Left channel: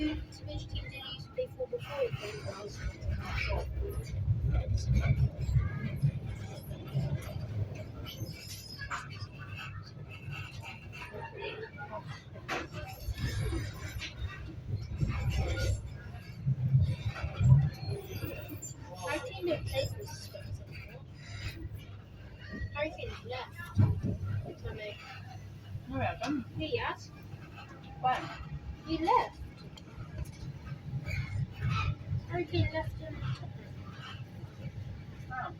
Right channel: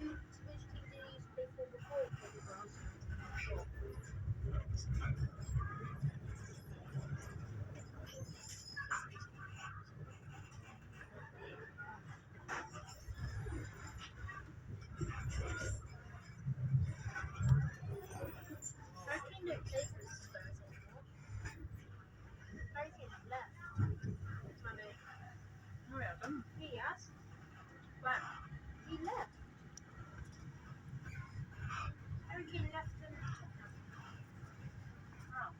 Which team did you used to play for before you played for us? Harry Kane didn't play for Spurs anymore. Harry Kane left. Mummy. No, we haven't. Yeah, he has. When? He left. Harry Kane left him. Oh.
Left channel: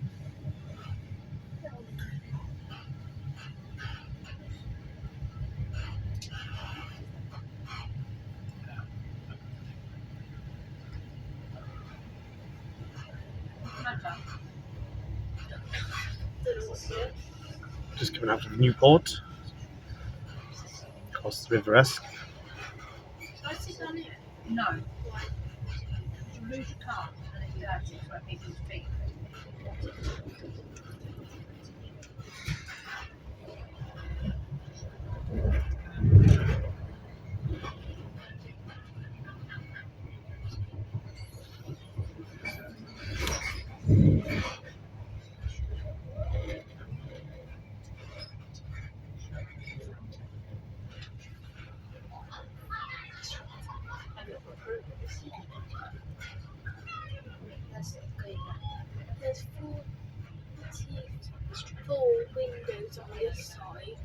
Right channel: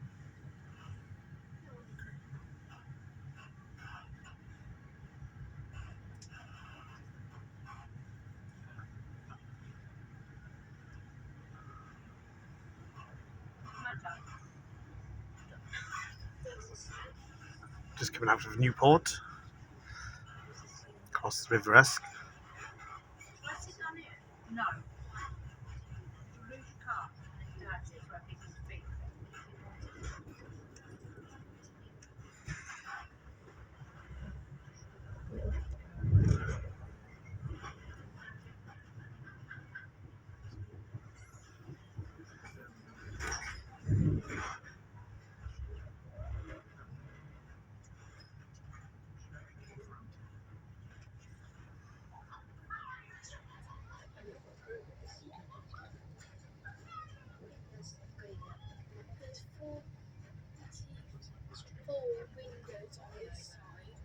Matter. Don't know what's it. Just coming out of Newport, across the River Esk. Should I sit down here? No. Why? You lose your car and it's dirty, so I think it's big. There's four windows on this side,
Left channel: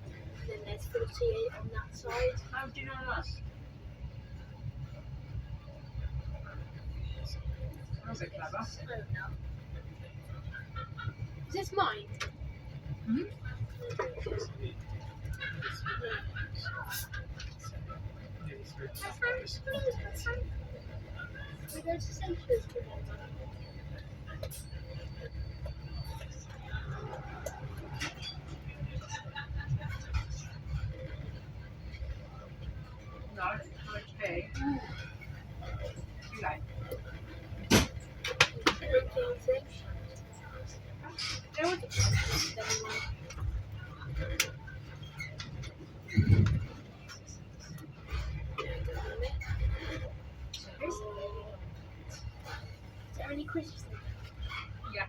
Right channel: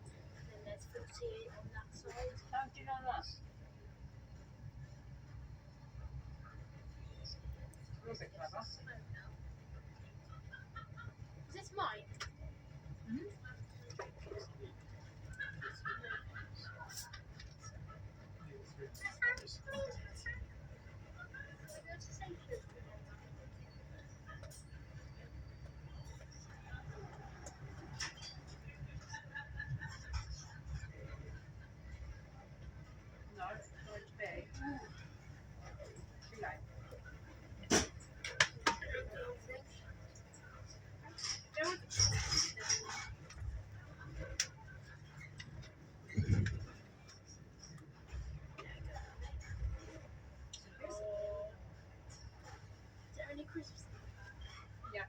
and then there's 48 on that side. How do you know that? You're a bit clever. I don't know. Is this mine? Mhm. We go to St. Petersburg. No, it's not big. Too late. There was a Is there any crisps in there? Yeah.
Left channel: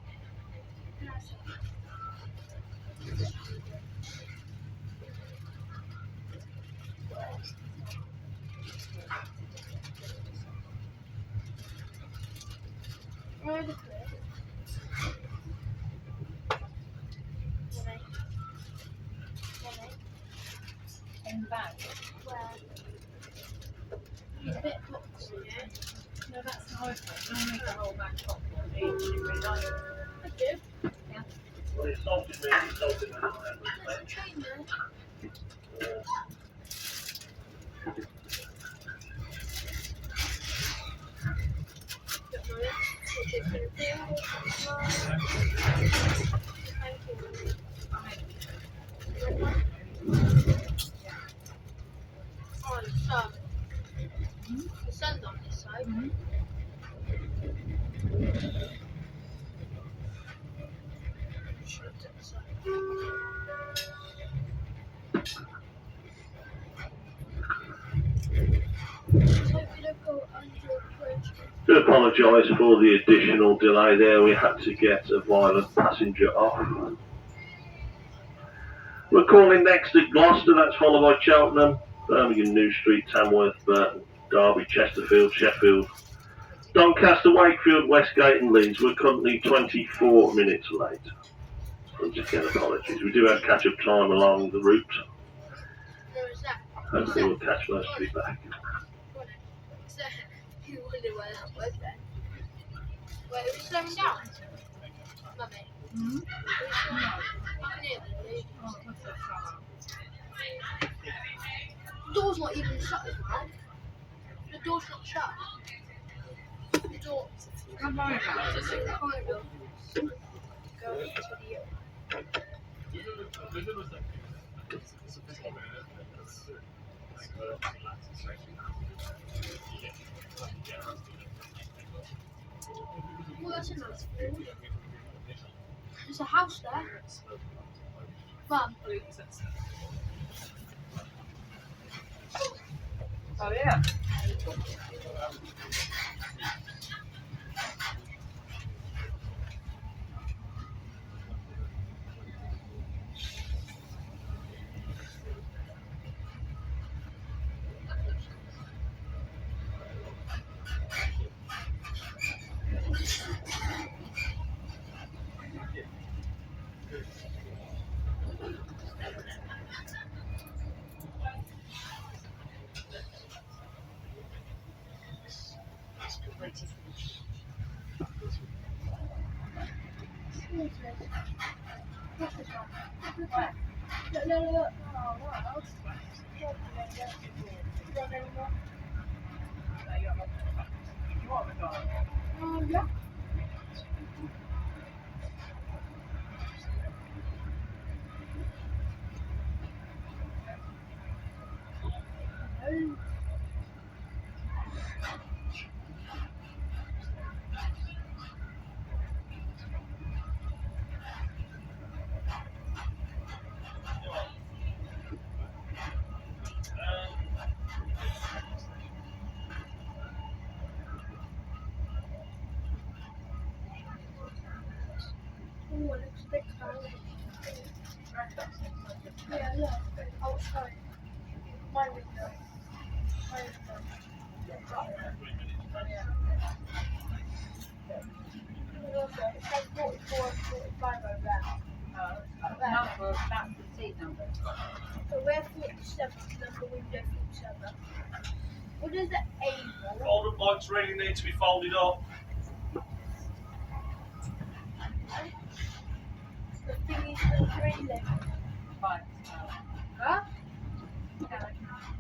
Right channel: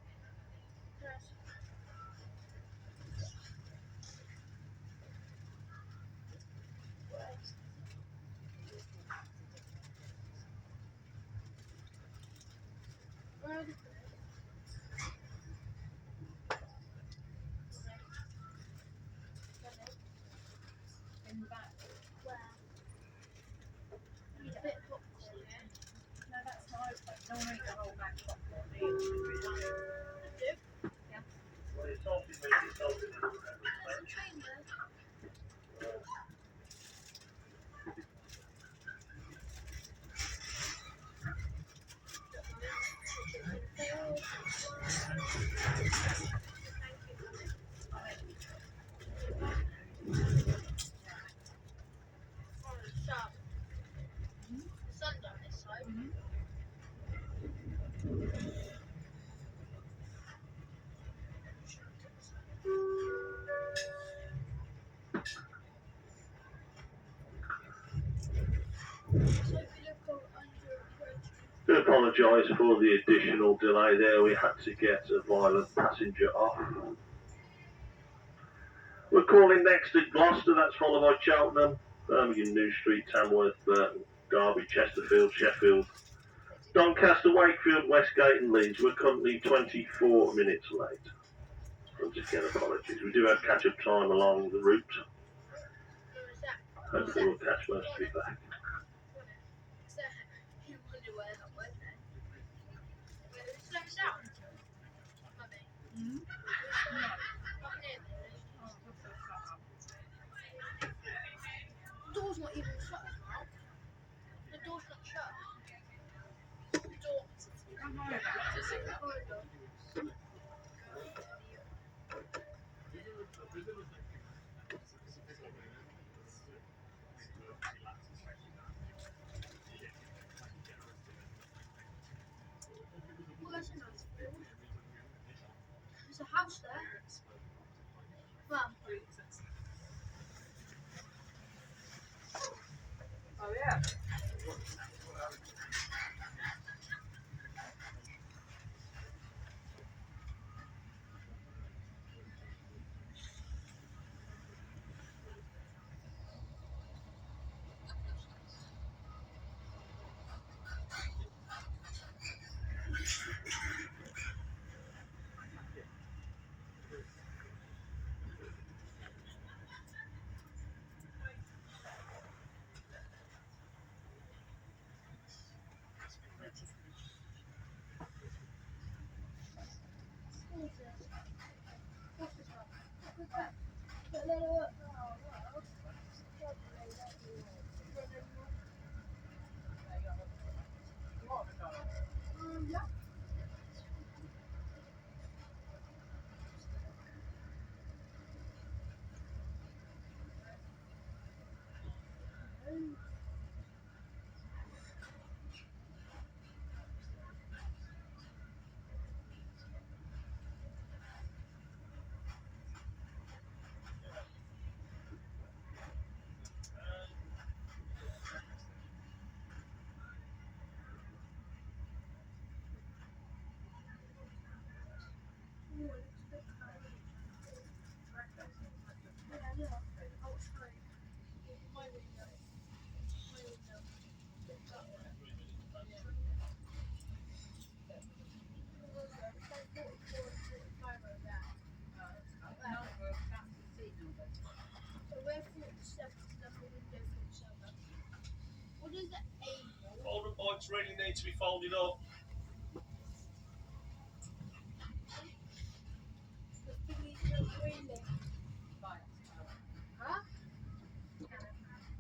Where are the crisps? In the bag. Where? It's a bit hot, yeah. No, that's not open. Don't make the whole bag popcorn. Do you really like it? I do. Yeah. There's a train there. Don't worry. We'll take care of it. Thank you. Oh, the sun. The sun's on this side. Mhm. Shoot to the side. Let's hope we don't go under a bridge. Do apologise for the additional delay there. We had to get a violent passenger off. We're calling next at Gloucester. That's followed by Cheltenham, Birmingham, New Street, Tamworth, Burton, Derby, Chesterfield, Sheffield, Doncaster, Wakefield, Westgate and Leeds. We're currently 24 minutes late. Once again, apologies. We do have catch-up time along the route. Where is that? Hopefully we'll catch most of you back. So, you wonder where that was then. Wait, are we slowing down? Mummy, Mhm. are we slowing down? I can hear the lady. Oh, what's that colour? The door's not even shut as well. The door's not shut. The door. Don't worry about it. The corridor. Go into the. Well, that's a nice field. There's a house there. Mum, Oh, yeah. You are a dog. Yeah. Oh, it looks a bit cloudy. Yeah, look, outside. My window. My window. Also, it says 44 and 45 over there. Number, that's the seat number. So we're 47, number window 47. What is the A for? Folding bikes really need to be folded up. The thingy's for 3 legs. Fine. Huh?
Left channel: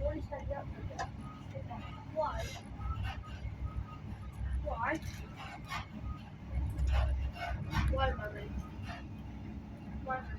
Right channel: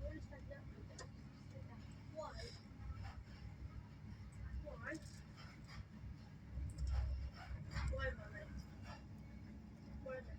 What is that up there? Why? Why? Why, mummy? Why, mummy?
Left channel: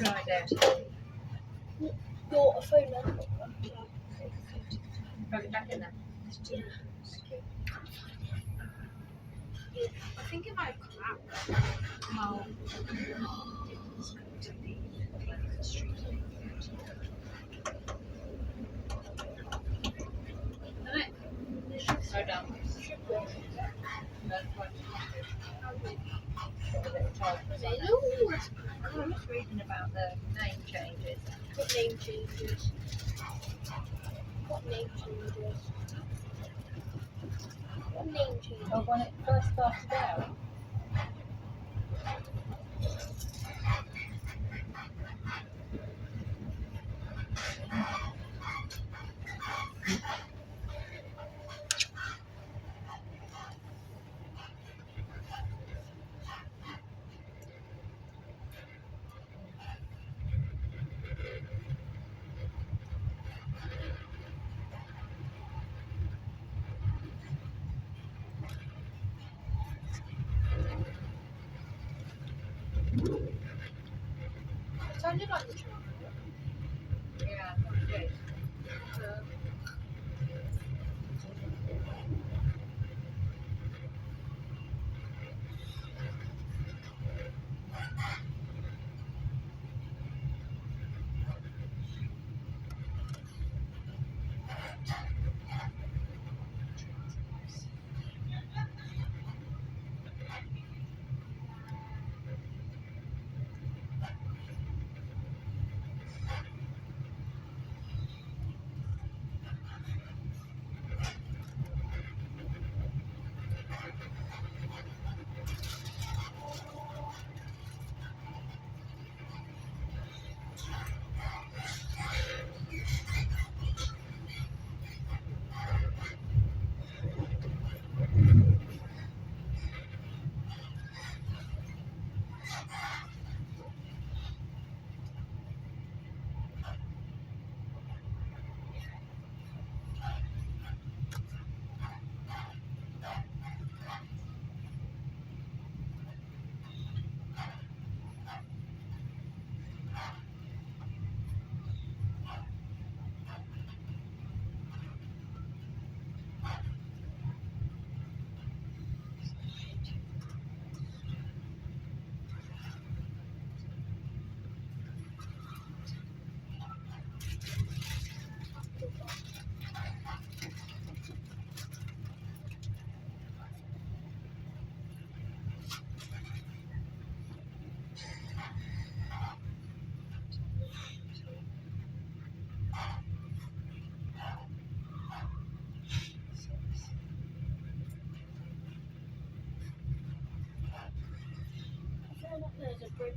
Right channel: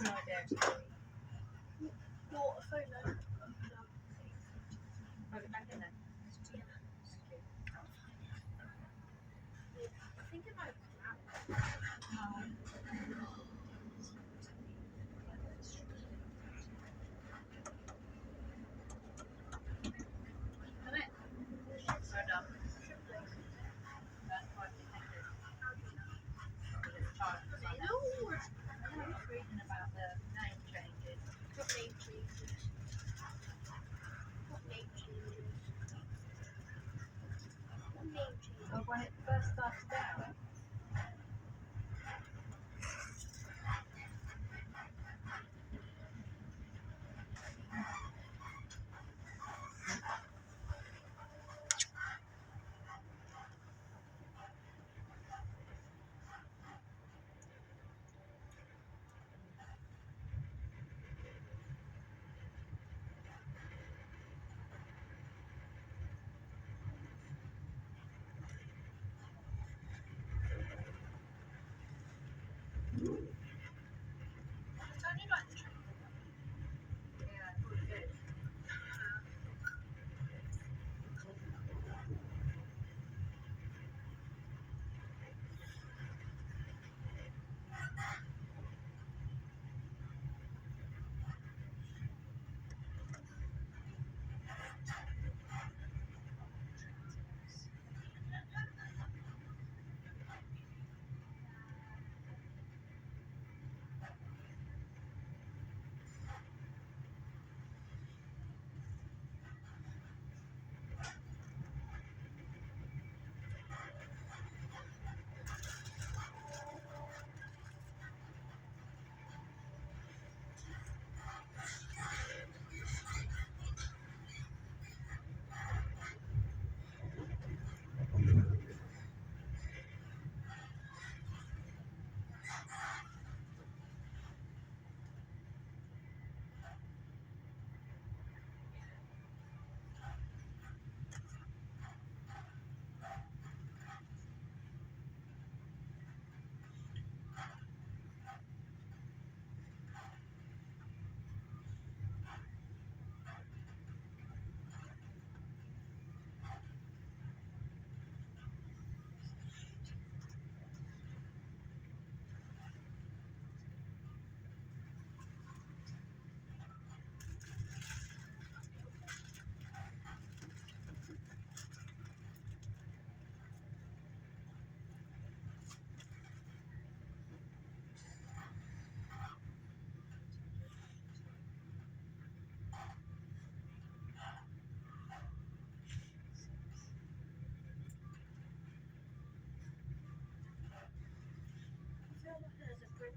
Right there. Your phone number. Put it back in there. I think it might come out. Oh. So done. That's what got a little charge. Hello. I'm just reading about the name changes. What name changes? What name changes? What name changes? Oh, when it first started out. It sounded like the train. Yeah, I thought it did. Great.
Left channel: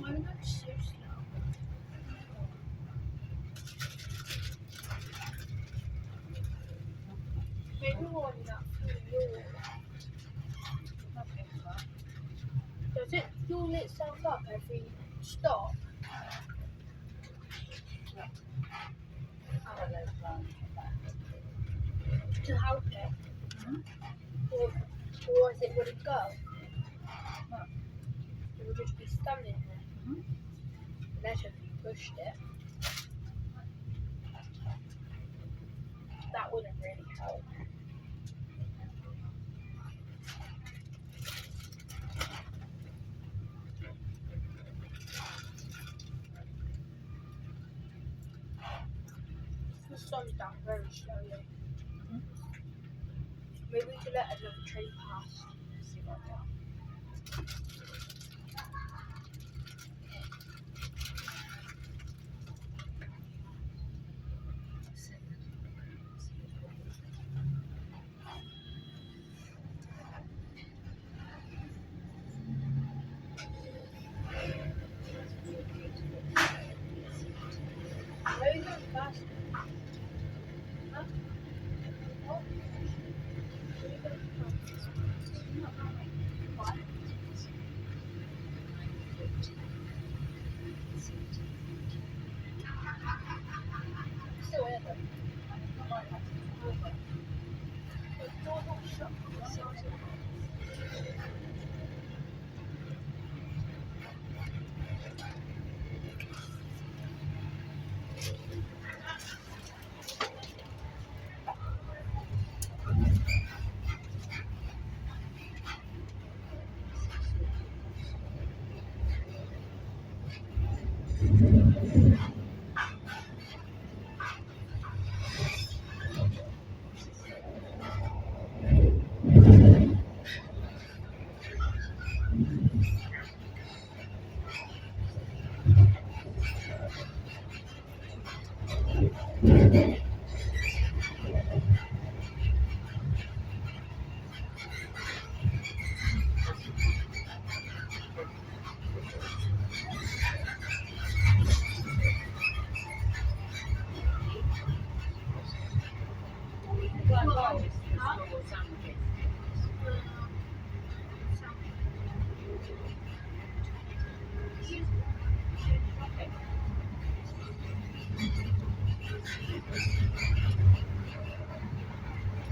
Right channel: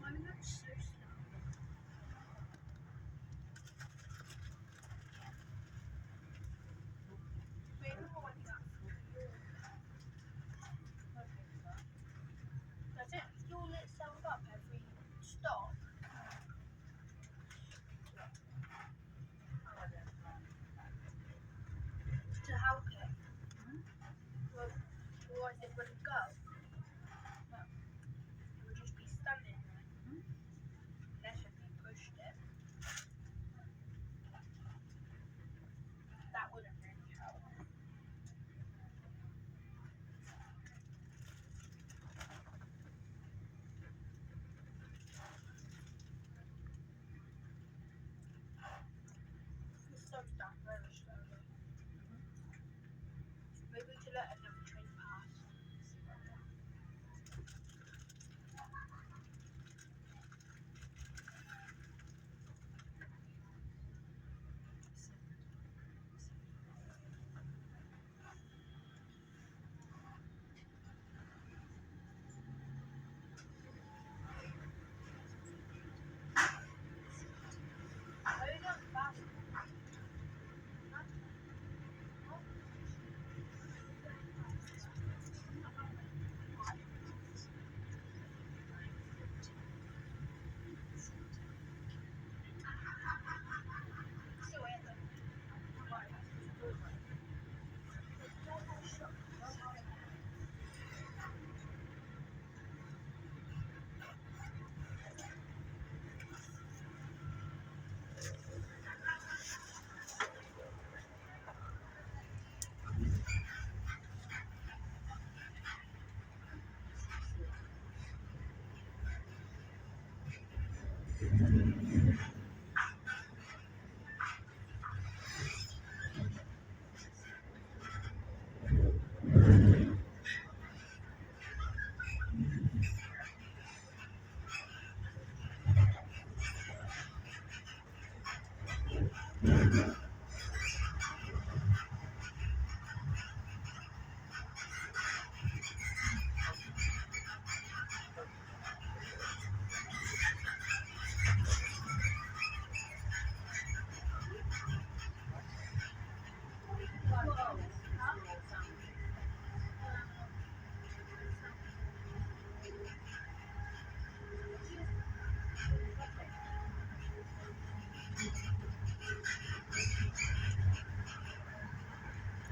Why are they so slow? Maybe one that fuel. Does it fuel itself up every stop? To help it? Or is it would it go? No. It would just be standing there. Unless if you pushed it. That wouldn't really help. The sun's down very slowly. Maybe to let another train pass. See what they are. Where are you going fast? Huh? What? Where are you going fast? Why? Still here though. The door's not shut.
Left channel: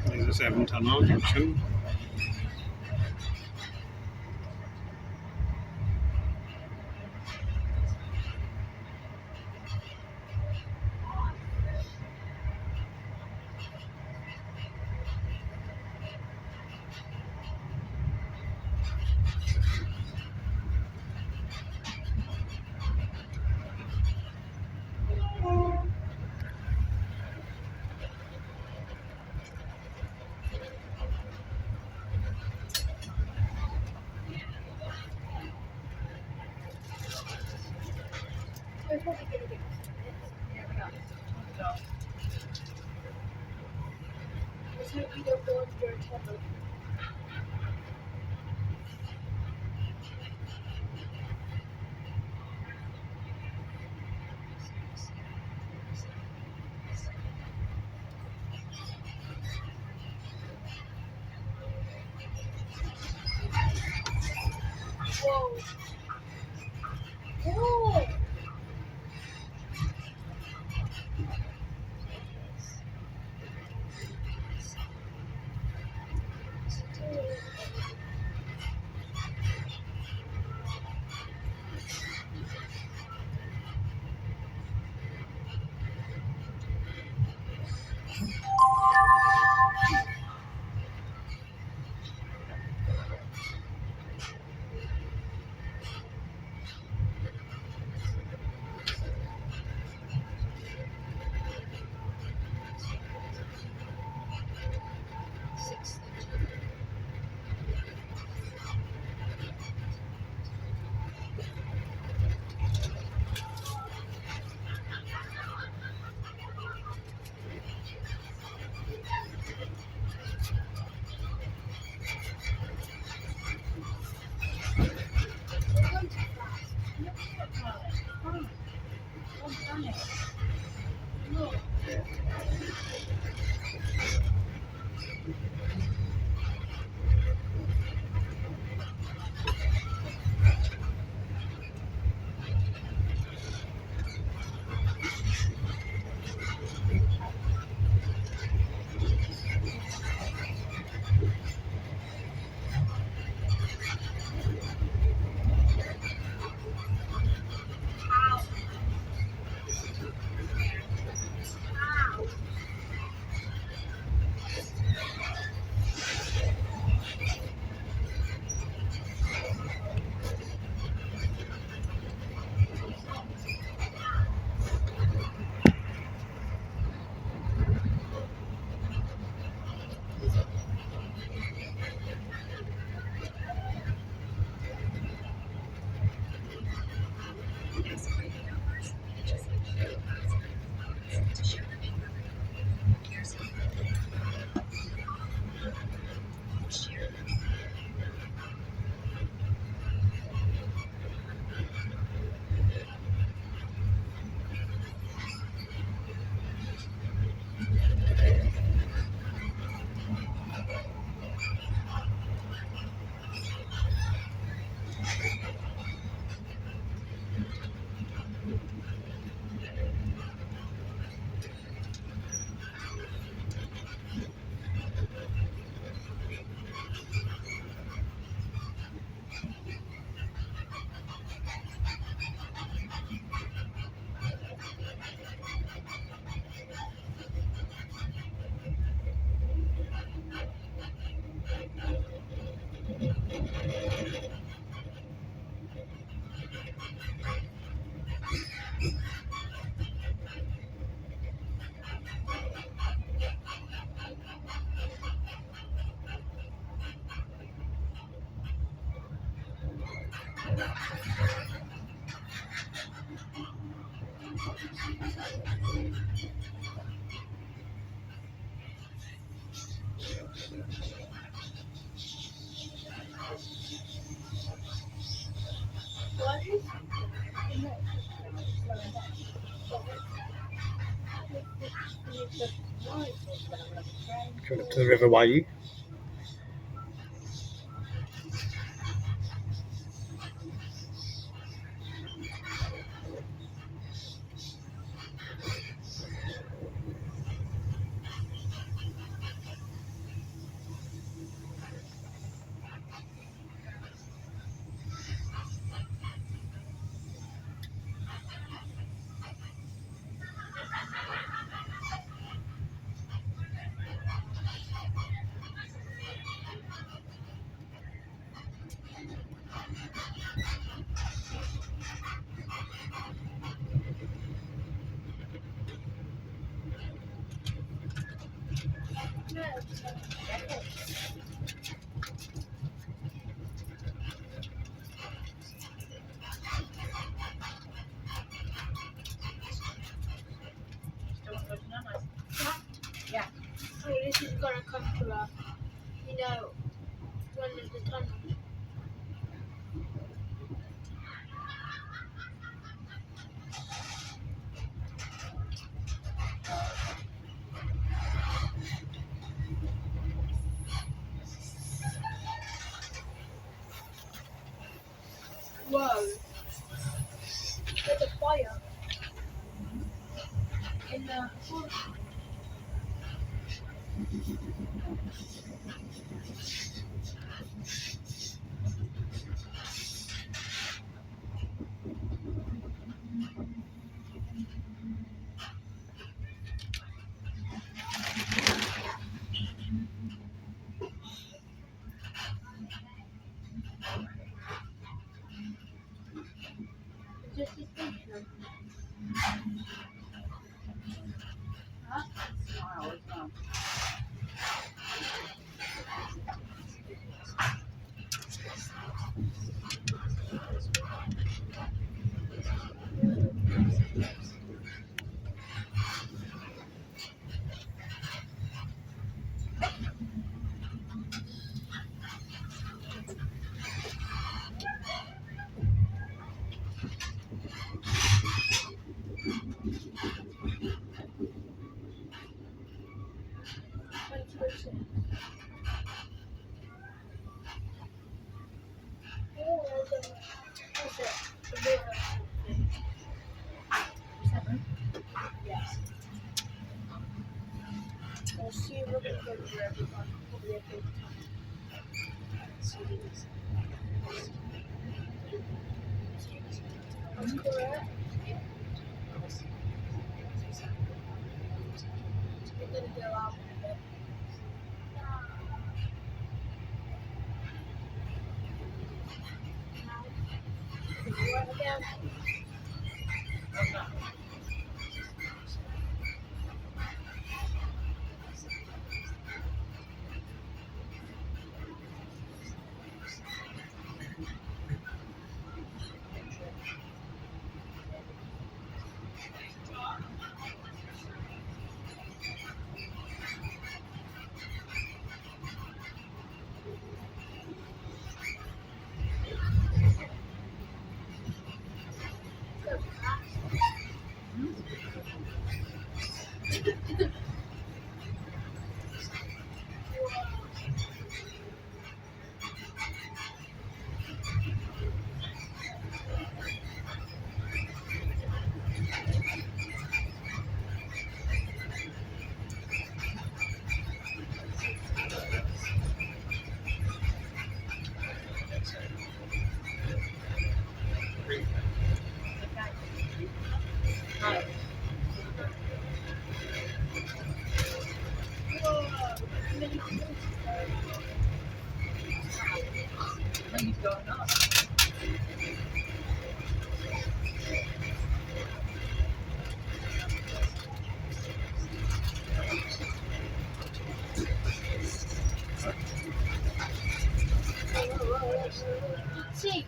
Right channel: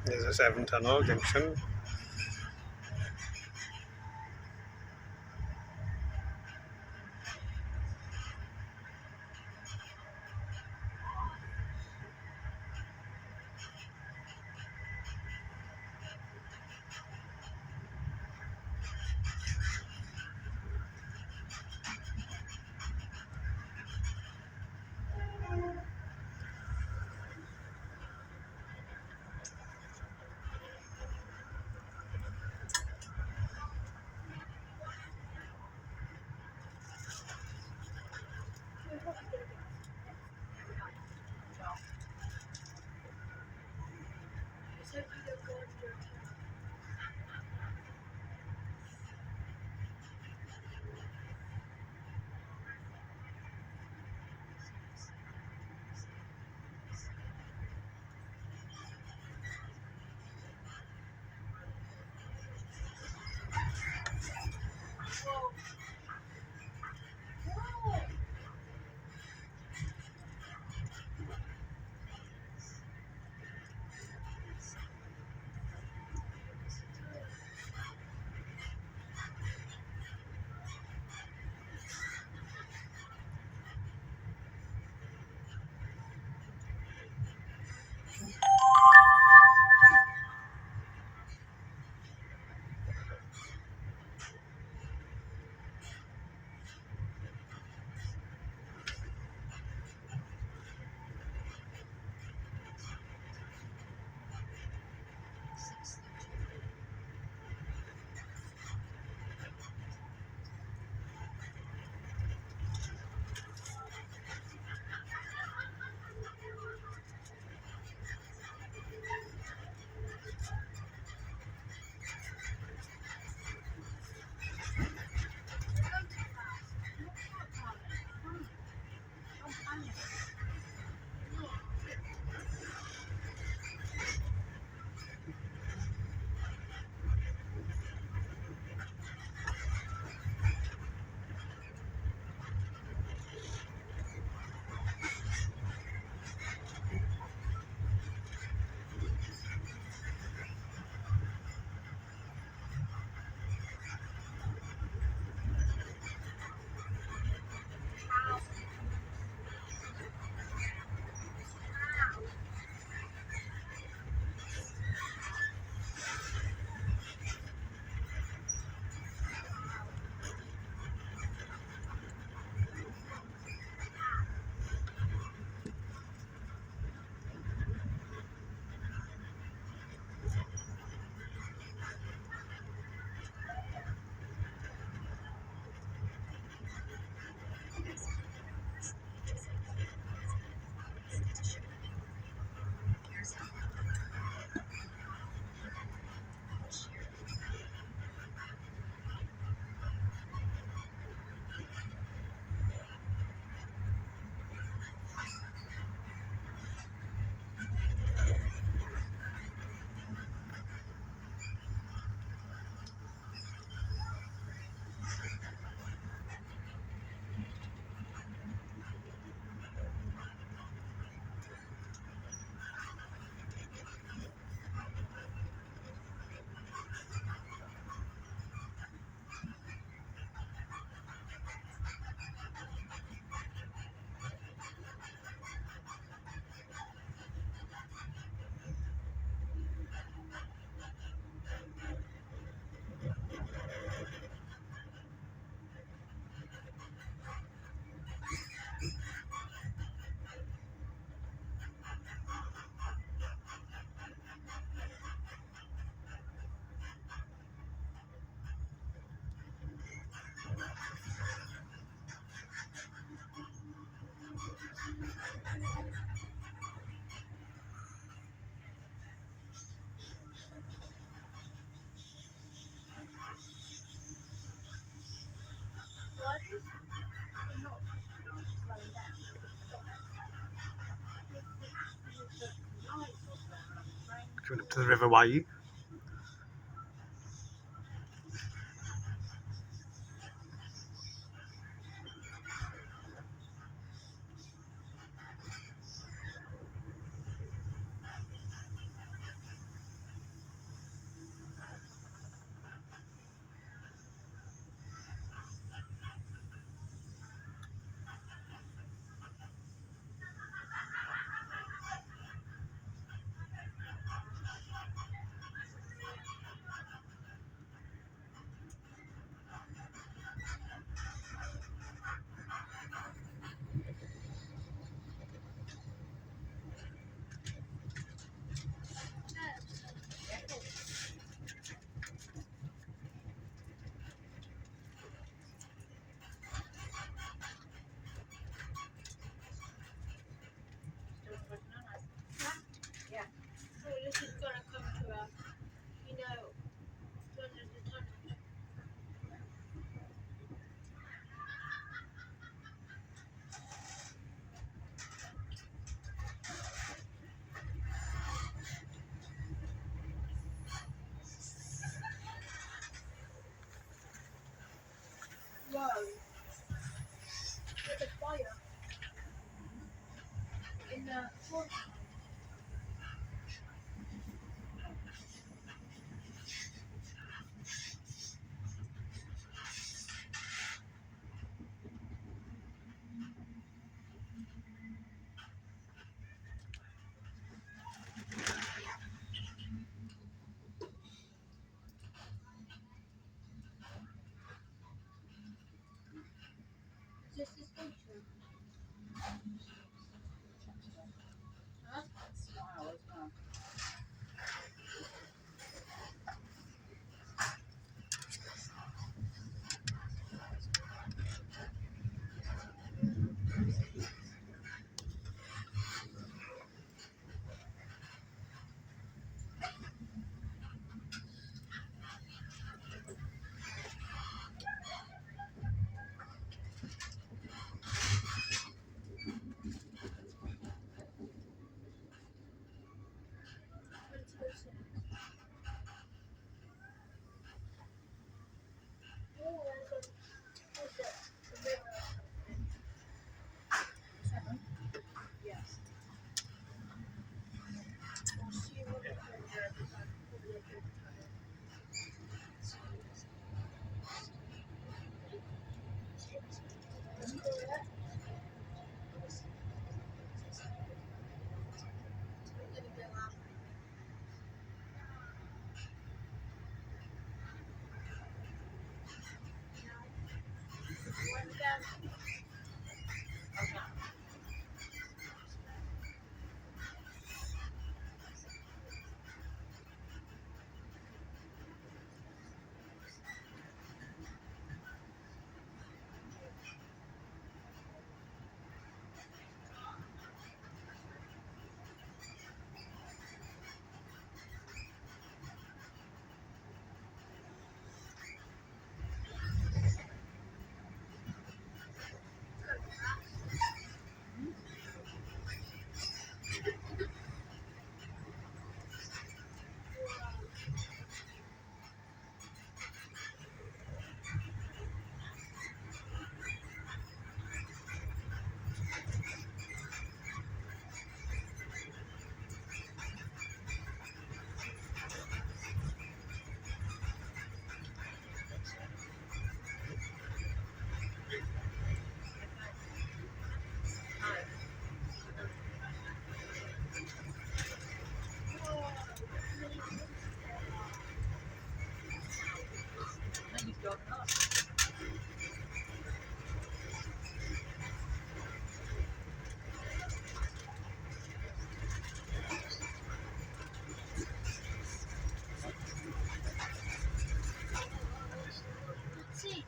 There's a 7-tunnel junction. We're probably going to get Yeah, we are. So, Let's hope we don't go under a tunnel. Whoa. Whoa. Going up to the River Wye. So this is gonna come to a, one of the tunnels. Whoa. There's a fire. In the just this picture. Smile as well. We'll see what we can do. Probably a good time. That's correct. We're gonna go out with it. What again? He's going up. See.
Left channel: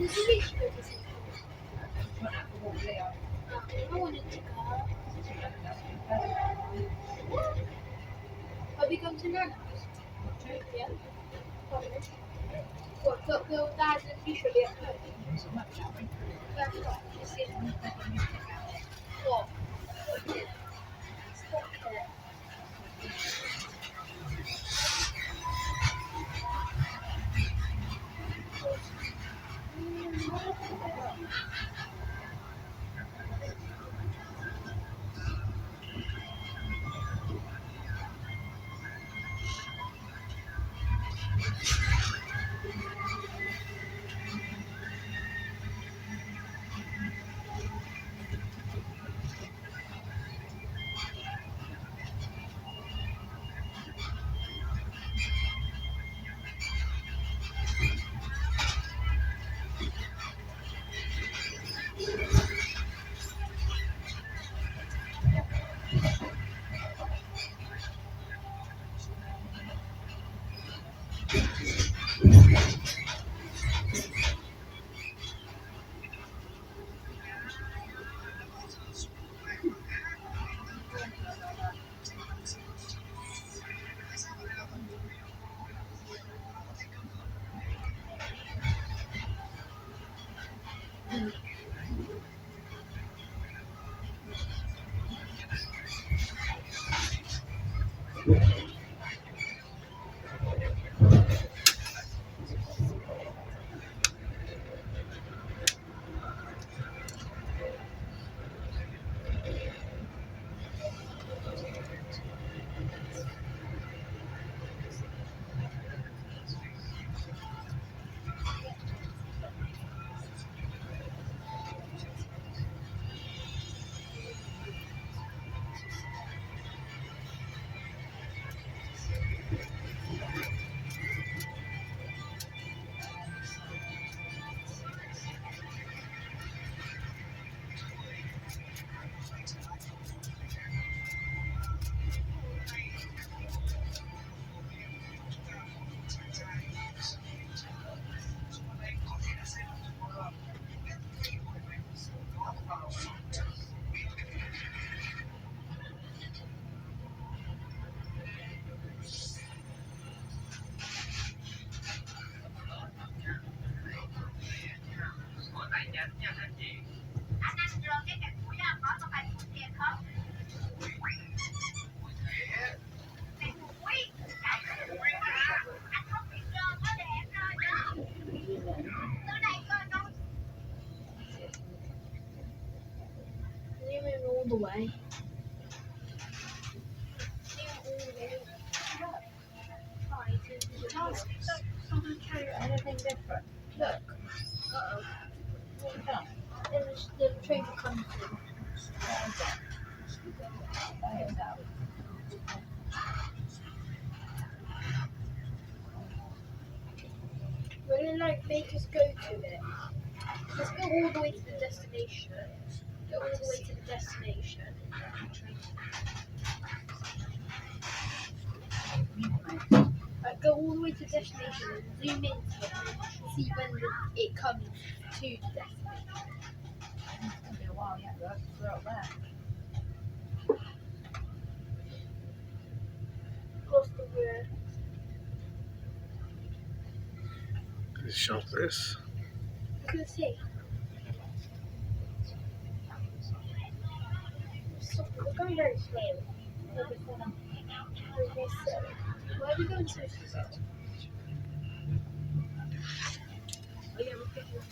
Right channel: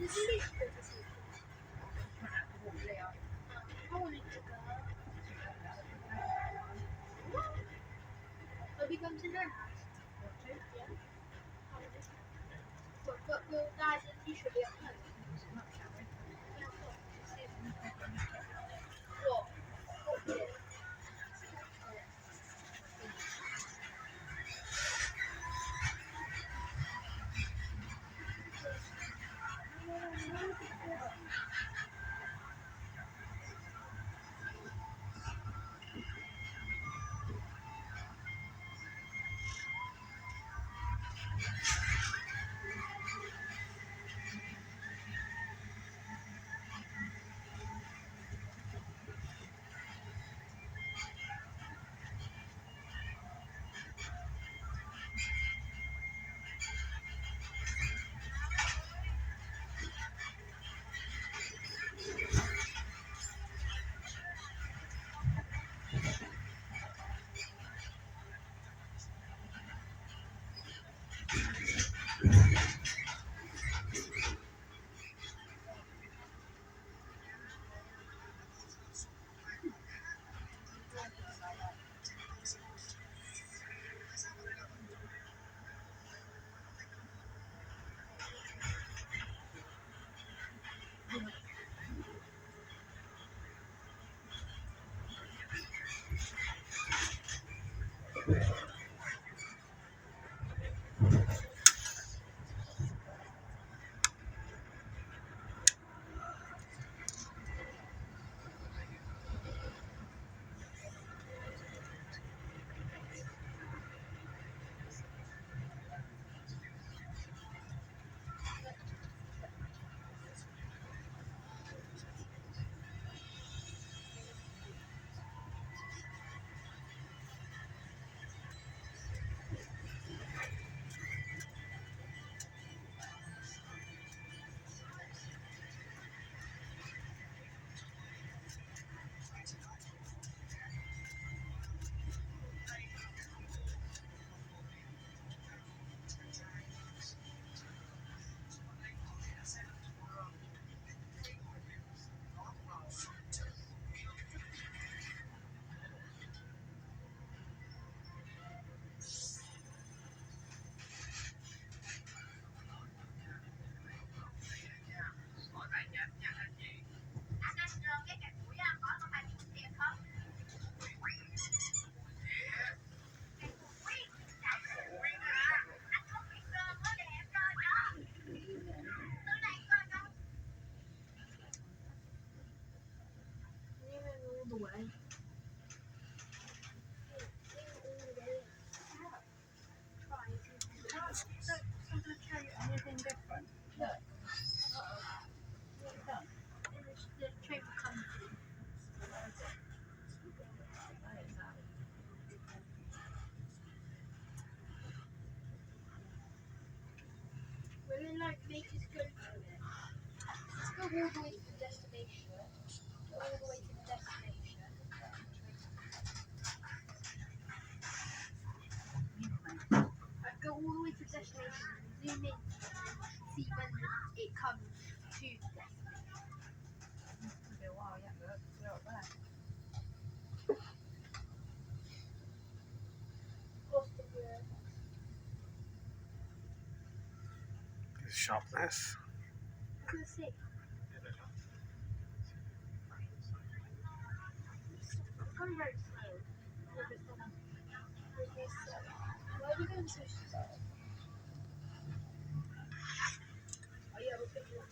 There's a reach go to see. Went out for a walk with Leo. I wanted to go. She went and that's been better. Have we gone to Nana's? Yeah. Probably. What, go Dad and usually at home? So much, shall we? That's what. Just see. What? What is it? What is it? All the way. Someone carry anything different. Look, Uh-oh. What have you done? the train will come through. Will it like make us go to it? Let's go all the way to the destination. Go all the way to the destination. Go all the way to the destination and zoom into it and see when it comes to the destination. It's going to be a while yet, though, 'cause we're up there. Gloucestershire. It's sharpness. I can see. We're going very slowly. Very slow. Why are we going so slow? Oh yeah, we're picking up.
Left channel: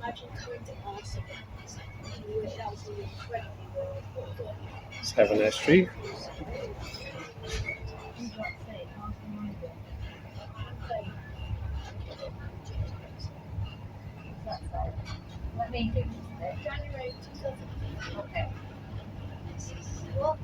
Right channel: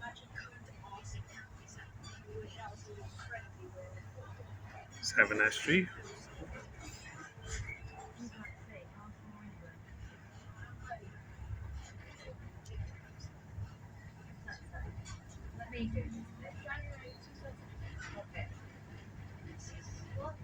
Imagine coming to Arsenal. That was incredibly weird. 7S Street. Let me do this. January 2000. Okay. What?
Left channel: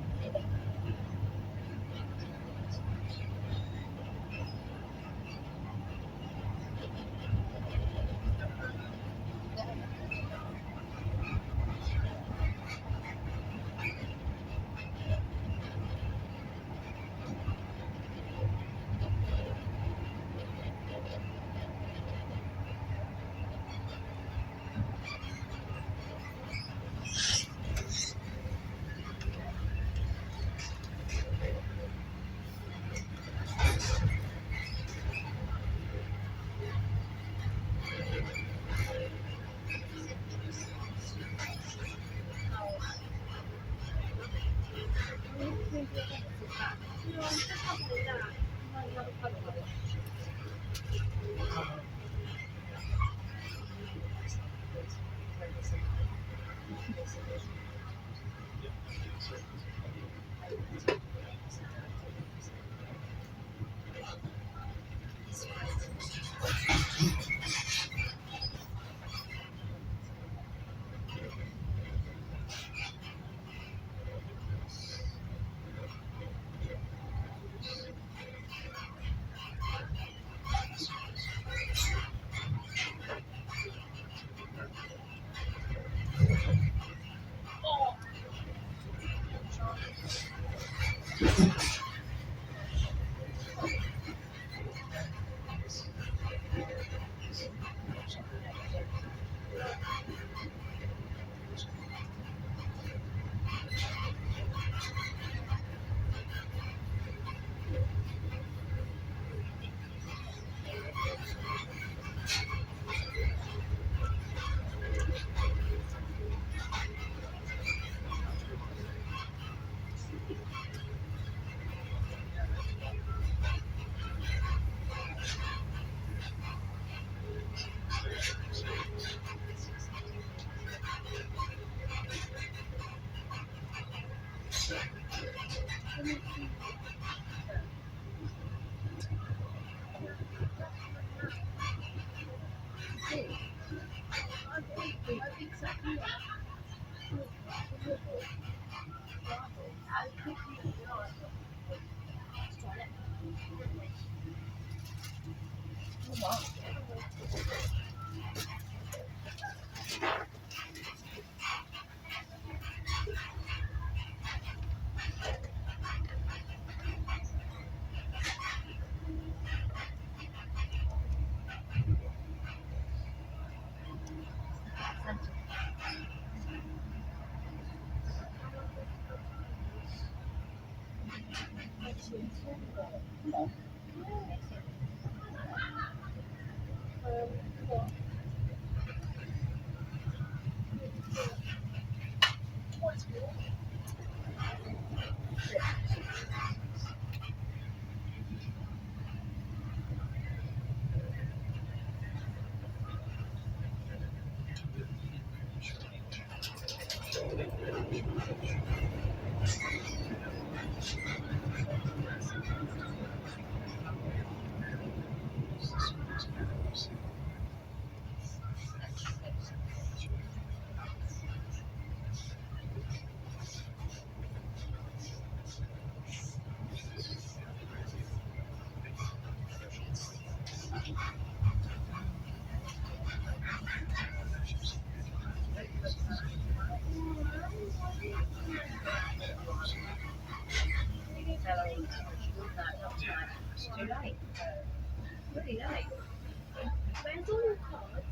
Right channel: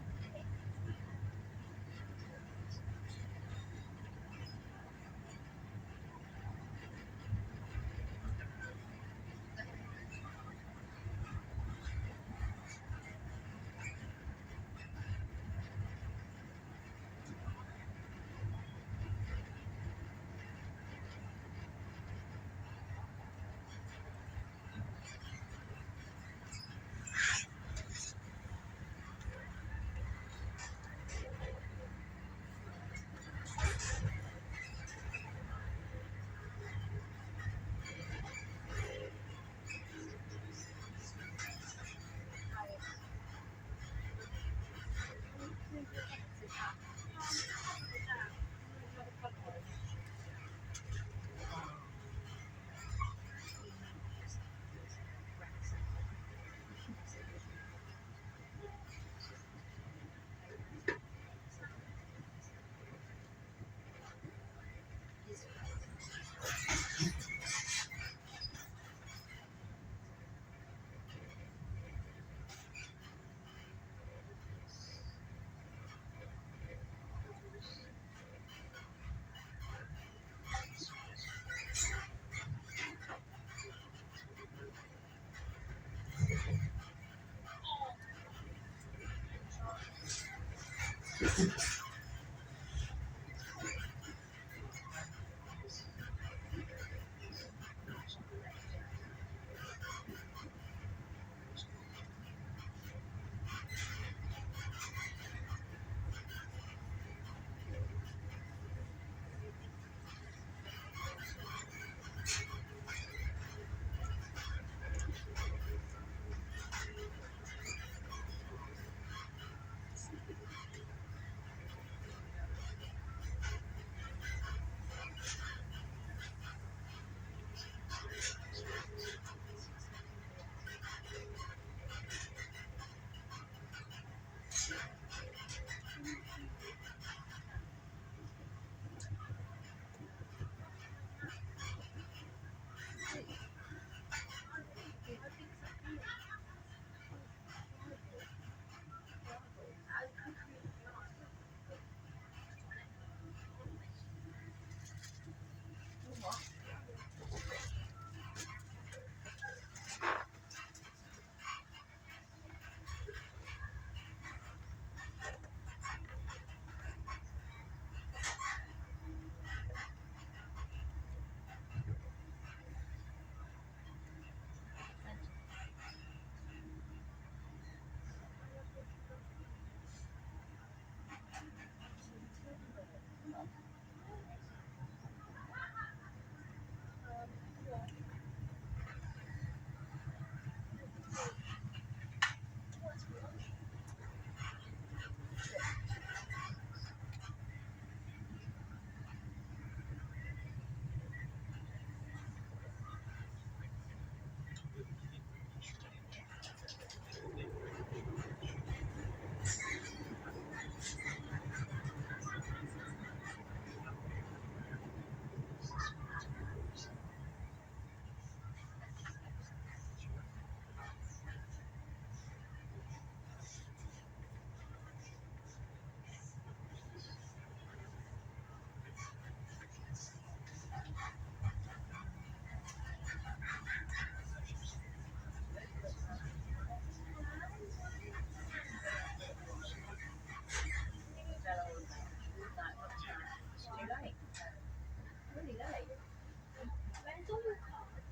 Where's all your cards?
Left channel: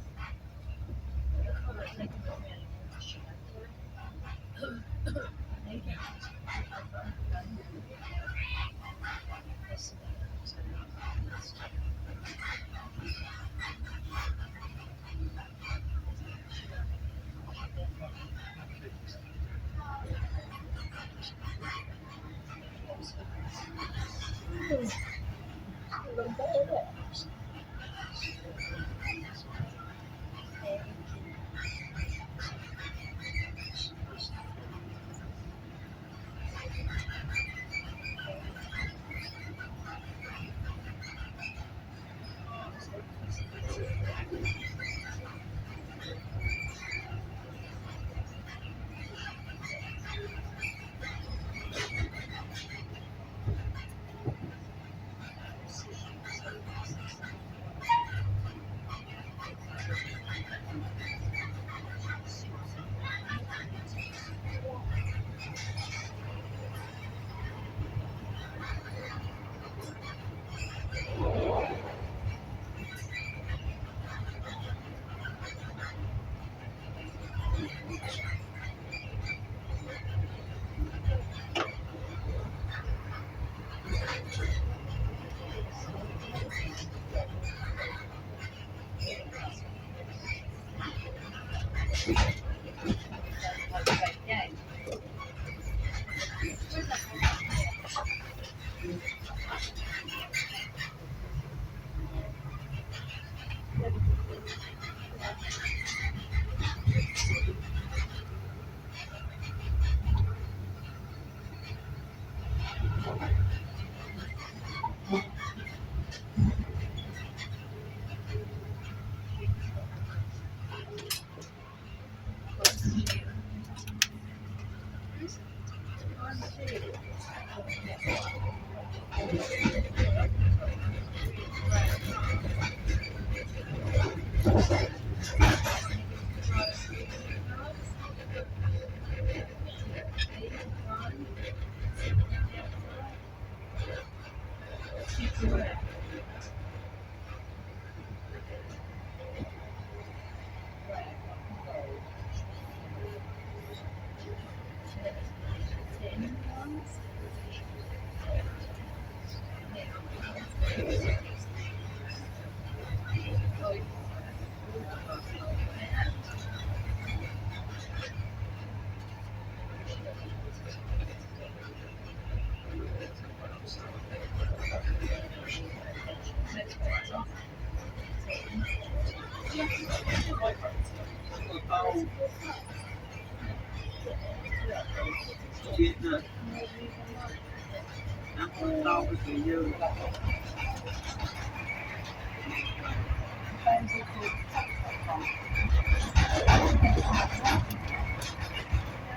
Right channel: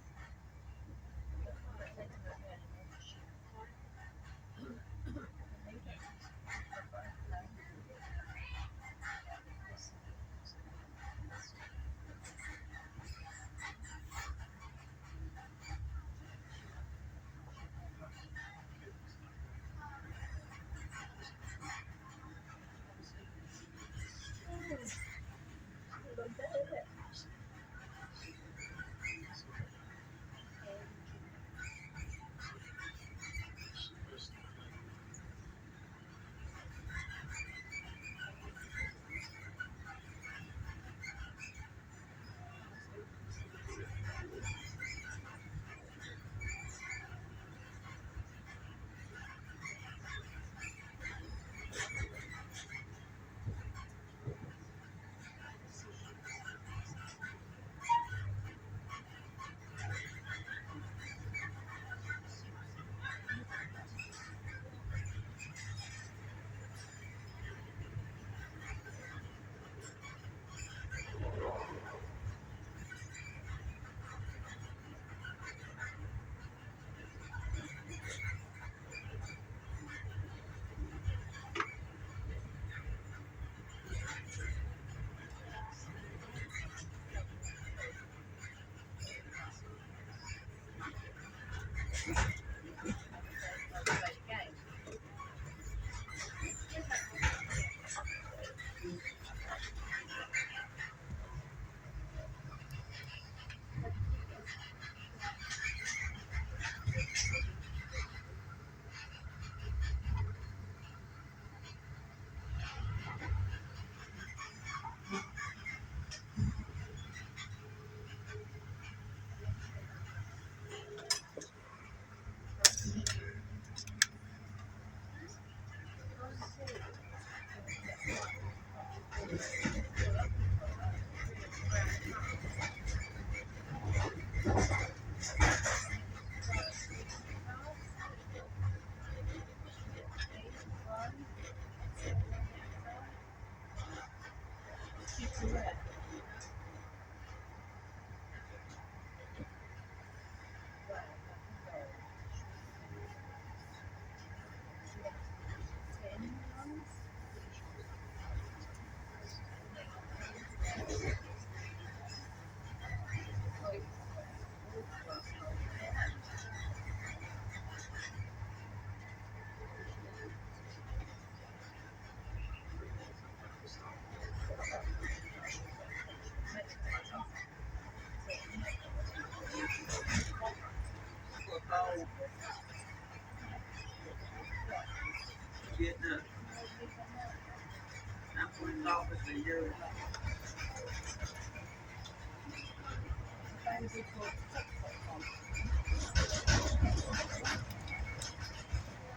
I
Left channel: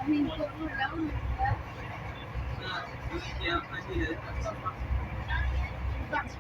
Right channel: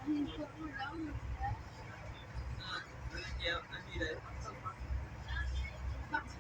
mean, put one down there. That's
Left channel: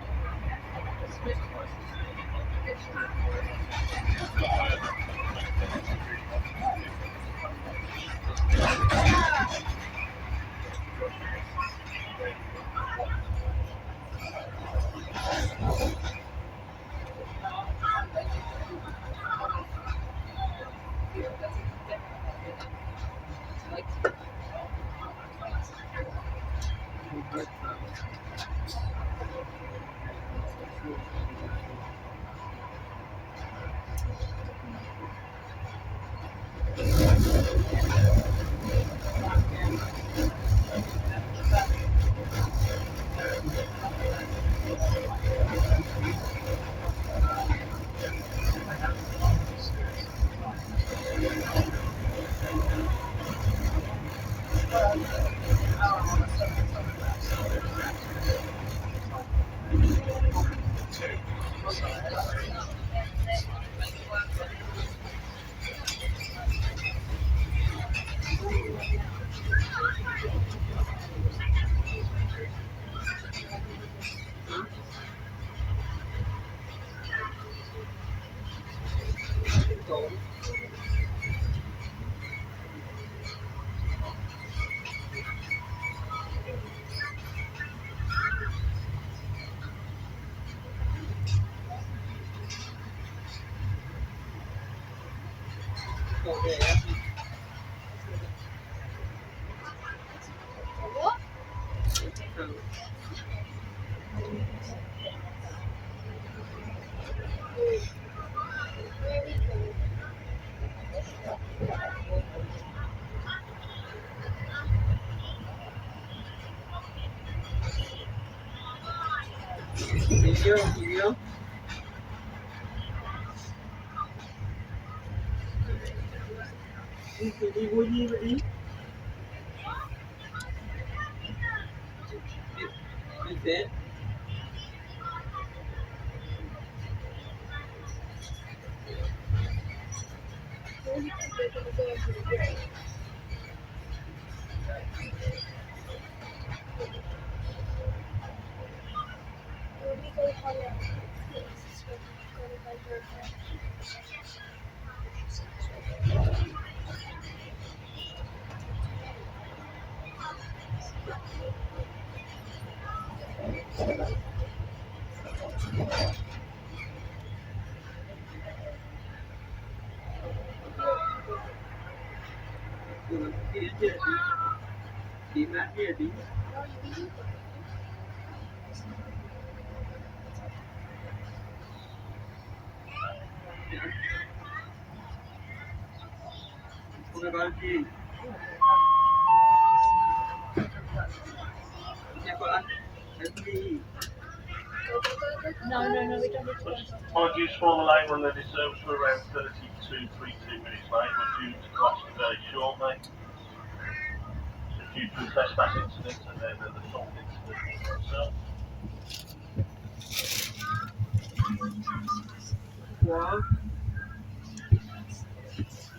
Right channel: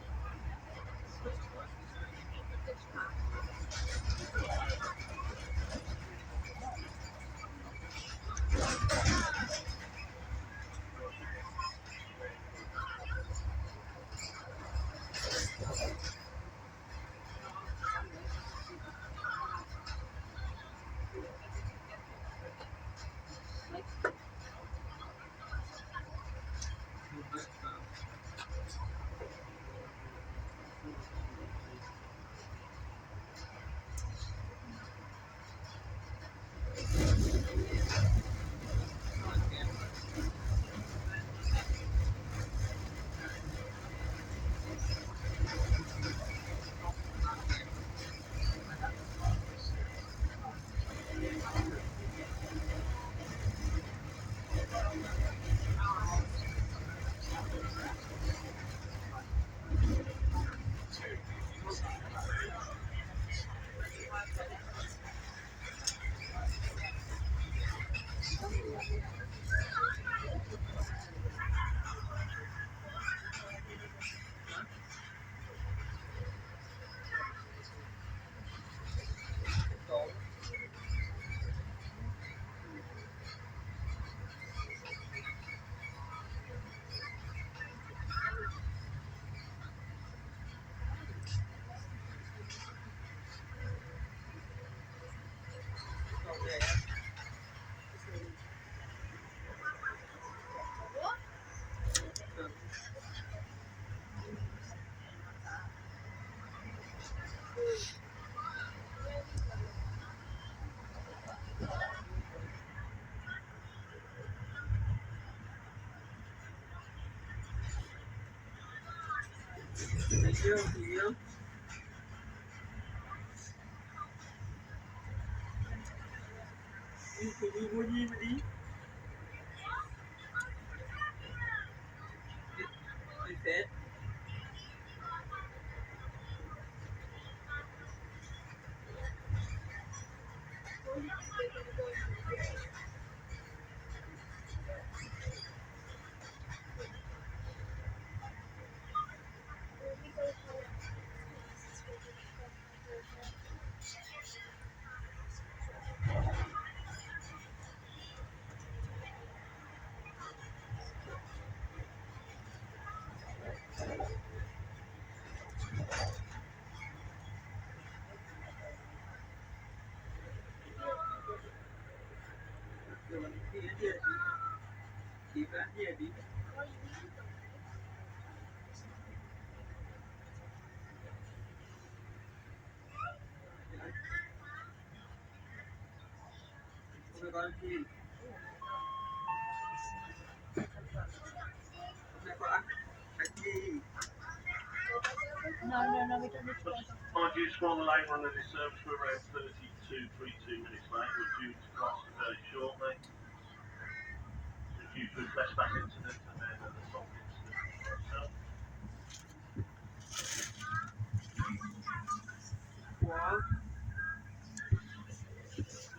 what? Where we go? Where we think we're gonna go over the break? Where we go higher? This is where we go over. No, we don't need to go. Apologies for the late run, the service were around 32 minutes late. We're due to cross today shortly. Due to the trespass incident and then the assault incident itself.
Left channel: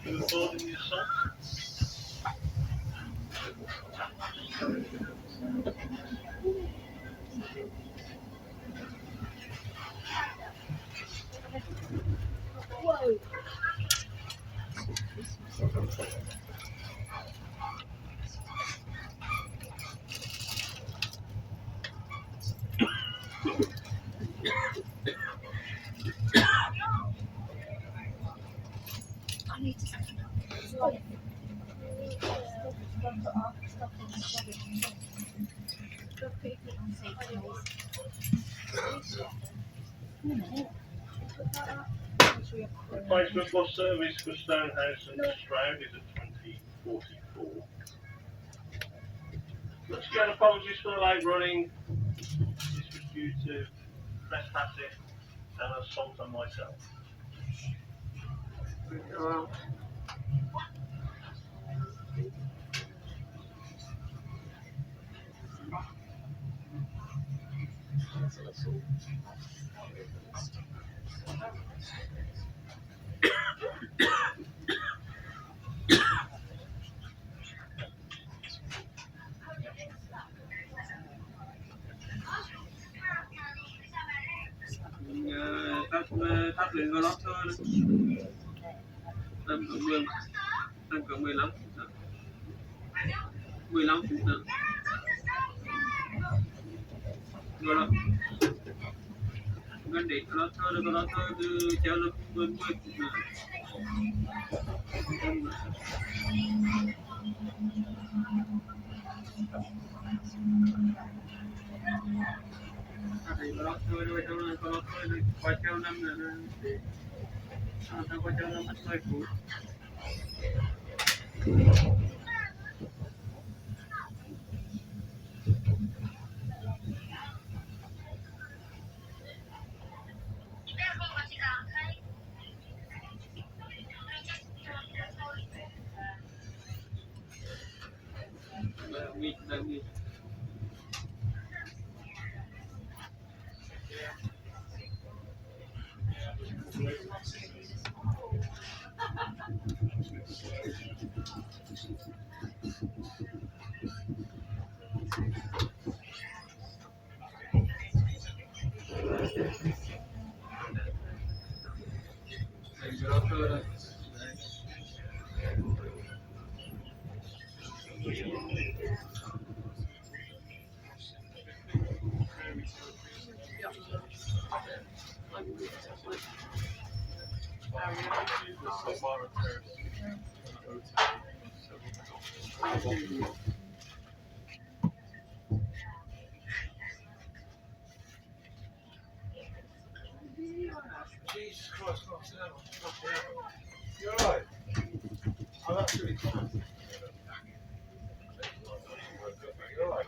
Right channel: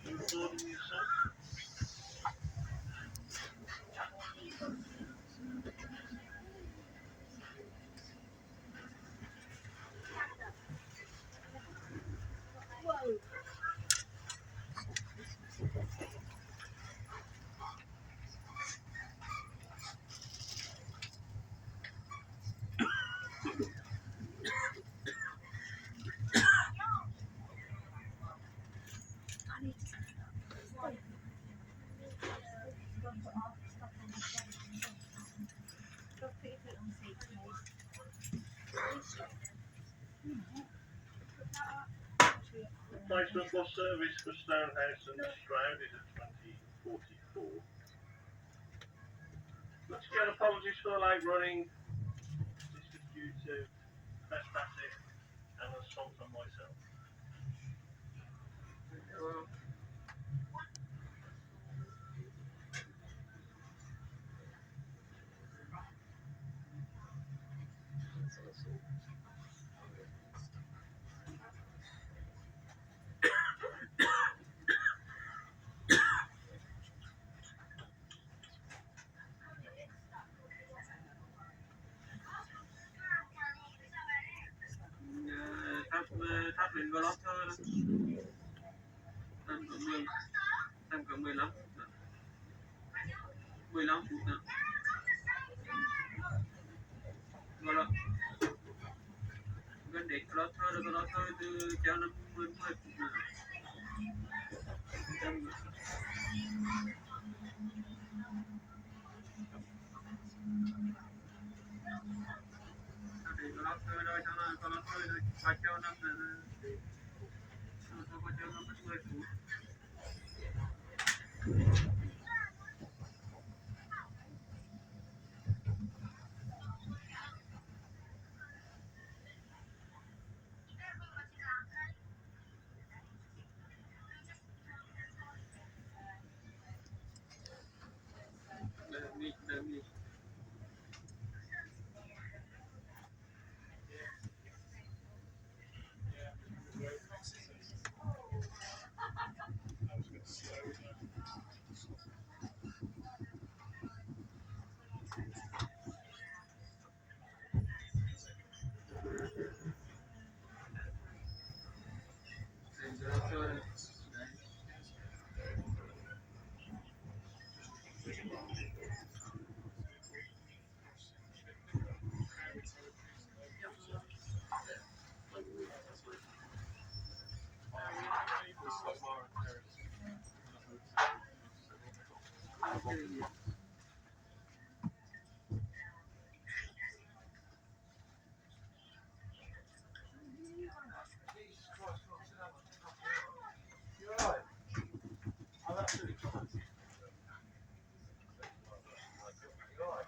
You recording the assault? Whoa. I need to stop. Replacement bus service for Stonehouse and Stroud is at 20:44. Let's get apologies for the late running. This was due to trespassing and assault on myself. có lót thơ nữa. Tầm cỡ 15 phút nữa. 15 phút nữa. Rồi đó. Gần đến có lót thơ từ treo là 10 phút nữa. Thì có lót thơ thôi, xong rồi có lót thơ rồi qua treo năm nữa. Xong qua treo năm mất 10 phút. Đang nghỉ. Jesus Christ, not sit down. You're alright? I'm absolutely fine. You're alright?